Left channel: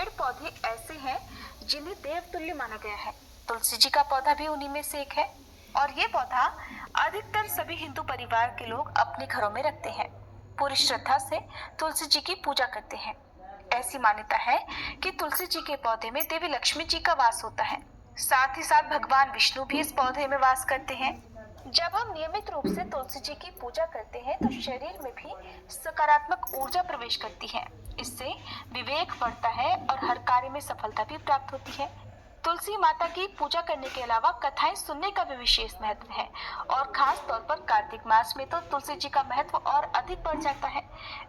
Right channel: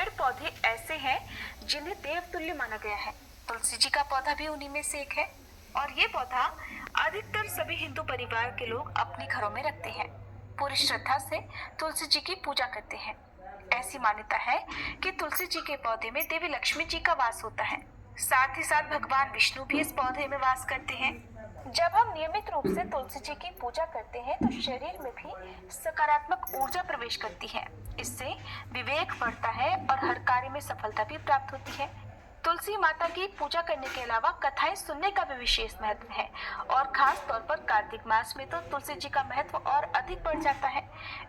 पेड़ पौधे ऐसे हैं जिन्हें देवतुल्य माना गया है। तुलसी जी का पौधा भी उन्हीं में से एक है और ये पौधा अधिकतर सभी हिंदू परिवार के लोग अपने घरों में रखते हैं। पूरी श्रद्धा से तुलसी जी की पूजा करते हैं। ऐसी मान्यता है कि तुलसी जी के पौधे में देवी लक्ष्मी जी का वास होता है। साथ ही साथ भगवान विष्णु भी इस पौधे में वास करते हैं। जब हम नियमित रूप से तुलसी जी की पूजा करते हैं तो शरीर में भी सकारात्मक ऊर्जा प्रवेश करती है। इससे विवेक बढ़ता है और हर कार्य में सफलता भी प्राप्त होती है। तुलसी माता की पूजा करने के अलावा कथाएं सुनने का भी विशेष महत्व है और खास तौर पर कार्तिक मास में तो तुलसी जी का महत्व और अधिक बढ़ जाता है।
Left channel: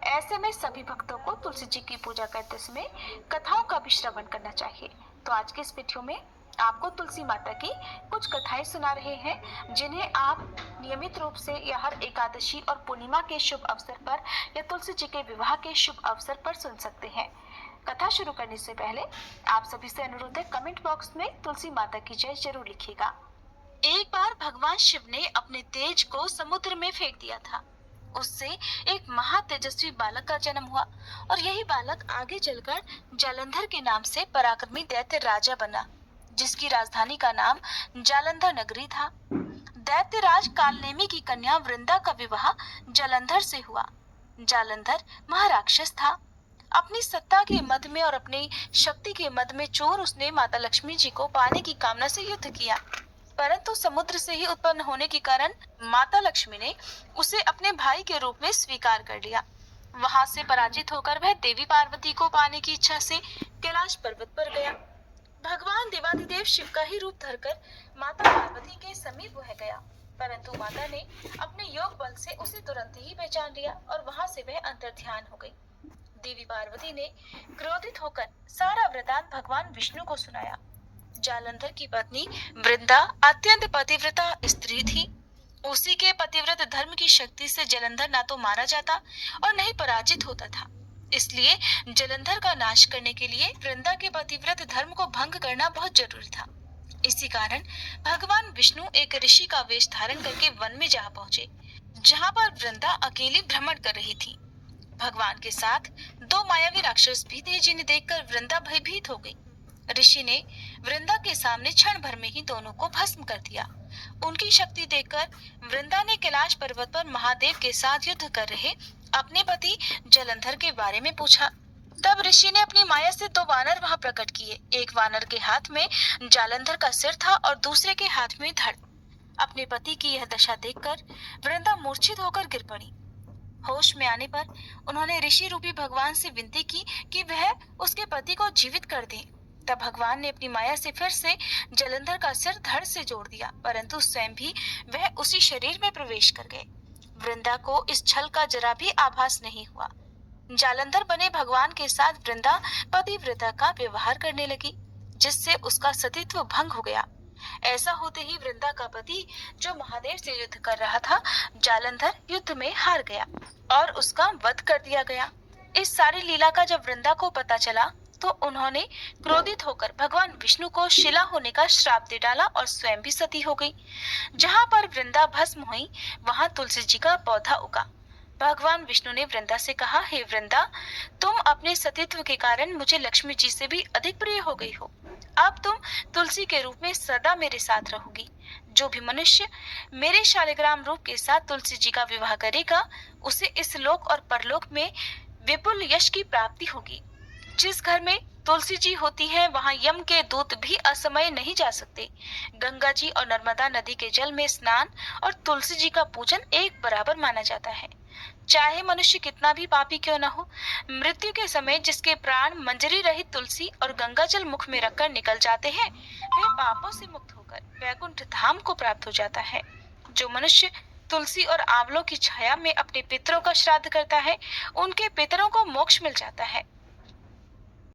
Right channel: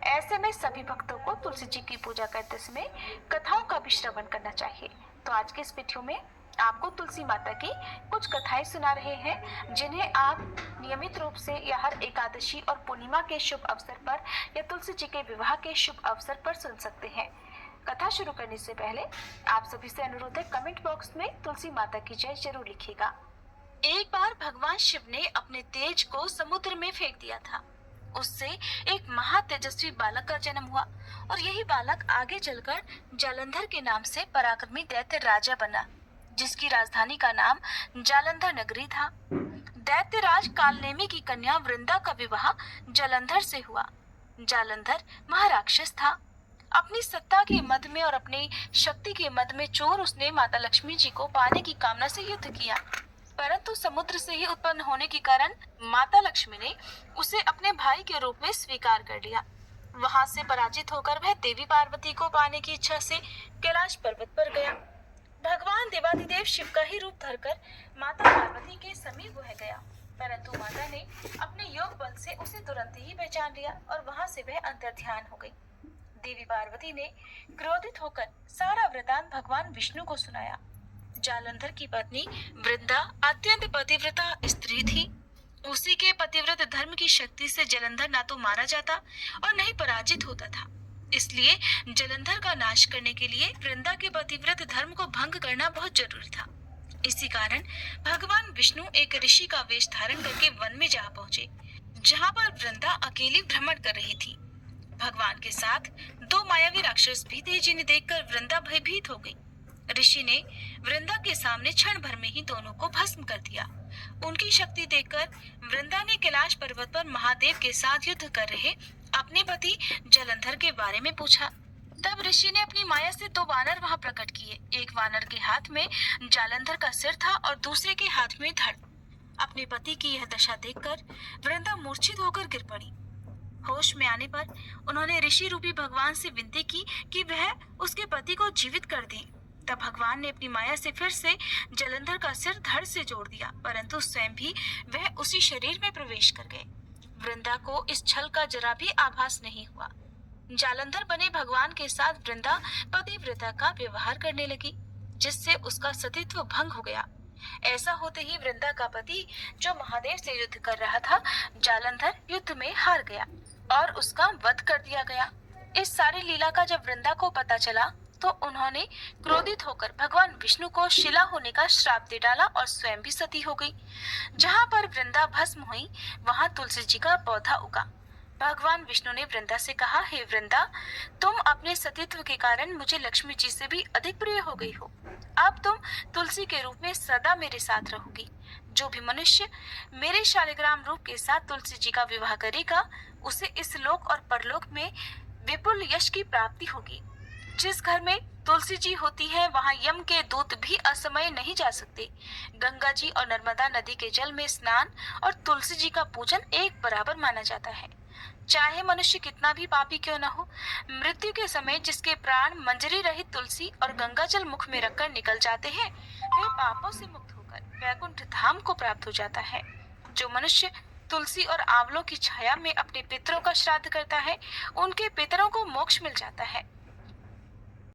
ऐसे में सभी भक्तों को तुलसी जी की पूजा करते समय कथाओं का भी श्रवण करना चाहिए। तो आज के इस वीडियो में आपको तुलसी माता की कुछ कथाएं सुना रहे हैं जिन्हें आप नियमित रूप से या हर एकादशी और पूर्णिमा के शुभ अवसर पर या तुलसी जी के विवाह के शुभ अवसर पर सुन सकते हैं। कथा शुरू करने से पहले आप सभी से अनुरोध है, कमेंट बॉक्स में तुलसी माता की जय जरूर लिखिएगा। एक बार भगवान शिव ने अपने तेज को समुद्र में फेंक दिया था। उससे एक महातेजस्वी बालक का जन्म हुआ और यही बालक आगे चलकर जालंधर के नाम से पराक्रमी दैत्य राजा बना, जिसकी राजधानी का नाम जालंधर नगरी था। दैत्यराज कालनेमी की कन्या वृंदा का विवाह जालंधर से हुआ। जालंधर महाराक्षस था। अपनी सत्ता के मद में और अपनी शक्ति के मद में चोर उसने माता लक्ष्मी जी को पाने की कामना से युद्ध किया, परंतु समुद्र से ही उत्पन्न होने के कारण माता लक्ष्मी ने उसे अपने भाई के रूप में स्वीकार कर लिया। वहां से पराजित होकर वह देवी पार्वती को पाने की इच्छा से कैलाश पर्वत पर गया। भगवान देवाधिदेव शिव का ही रूप धरकर माता पार्वती के समीप वह गया, परंतु माता ने अपने योग बल से उसे तुरंत ही पहचान लिया और वहां से वह अंतर्ध्यान हो गई। देवी पार्वती ने क्रोधित होकर सारा वृतांत भगवान विष्णु को सुनाया। जालंधर की पत्नी वृंदा अत्यंत पतिव्रता स्त्री थी। उसी के पतिव्रत धर्म की शक्ति से जालंधर ना तो मारा जाता और न ही पराजित होता था। इसलिए जालंधर का नाश करने के लिए वृंदा के पतिव्रत धर्म को भंग करना बहुत जरूरी था। इसी कारण भगवान विष्णु एक ऋषि का वेश धारण करके वन में जा पहुंचे, जहां पर वृंदा अकेली भ्रमण कर रही थी। भगवान के साथ दो मायावी राक्षस भी थे, जिन्हें देखकर वृंदा भयभीत हो गई। ऋषि ने वृंदा के सामने क्षण भर में ही दोनों को भस्म कर दिया। उनकी शक्ति देखकर वृंदा ने कैलाश पर्वत पर महादेव के साथ युद्ध कर रहे अपने पति जालंधर के बारे में पूछा। तब ऋषि ने अपनी माया से दो वानर वहां प्रकट किए। एक वानर के हाथ में जालंधर का सिर था और दूसरे के हाथ में धड़। अपने पति की यह दशा देखकर वृंदा मूर्छित होकर गिर पड़ी। होश में आने पर उन्होंने ऋषि रूपी भगवान से विनती की कि वह उसके पति को जीवित कर दें। तब भगवान ने अपनी माया से फिर से जालंधर का सिर धड़ से जोड़ दिया, परंतु स्वयं भी वह उसी शरीर में प्रवेश कर गए। वृंदा को इस छल का जरा भी आभास नहीं हुआ। जालंधर बने भगवान के साथ वृंदा पतिव्रता का व्यवहार करने लगी, जिससे उसका सतीत्व भंग हो गया। ऐसा होते ही वृंदा का पति, जो महादेव से युद्ध कर रहा था, जालंधर युद्ध में हार गया और उसका वध कर दिया गया। इस सारी लीला का जब वृंदा को पता चला तो उन्होंने क्रोधित होकर भगवान विष्णु को शिला होने का श्राप दे डाला और स्वयं भी सती हो गई। जहाँ पर वृंदा भस्म हुई वहां तुलसी जी का पौधा उगा। भगवान विष्णु ने वृंदा से कहा, हे वृंदा, तुम अपने सतीत्व के कारण मुझे लक्ष्मी जी से भी अधिक प्रिय हो गई हो। अब तुम तुलसी के रूप में सदा मेरे साथ रहोगी। जो भी मनुष्य मेरे शालिग्राम रूप के साथ तुलसी जी का विवाह करेगा, उसे इस लोक और परलोक में विपुल यश की प्राप्ति होगी। जिस घर में तुलसी जी होती है वहां यम के दूत भी असमय नहीं जा सकते। गंगा जी और नर्मदा नदी के जल में स्नान और तुलसी जी का पूजन एक बराबर माना जाता है। चाहे मनुष्य कितना भी पापी क्यों न हो, मृत्यु के समय जिसके प्राण मंजरी रहित तुलसी और गंगा जल मुख में रखकर निकल जाते हैं, वह पापों से मुक्त होकर वैकुंठ धाम को प्राप्त हो जाता है। जो मनुष्य तुलसी और आंवलों की छाया में अपने पितरों का श्राद्ध करता है, उनके पितरों को मोक्ष मिल जाता है।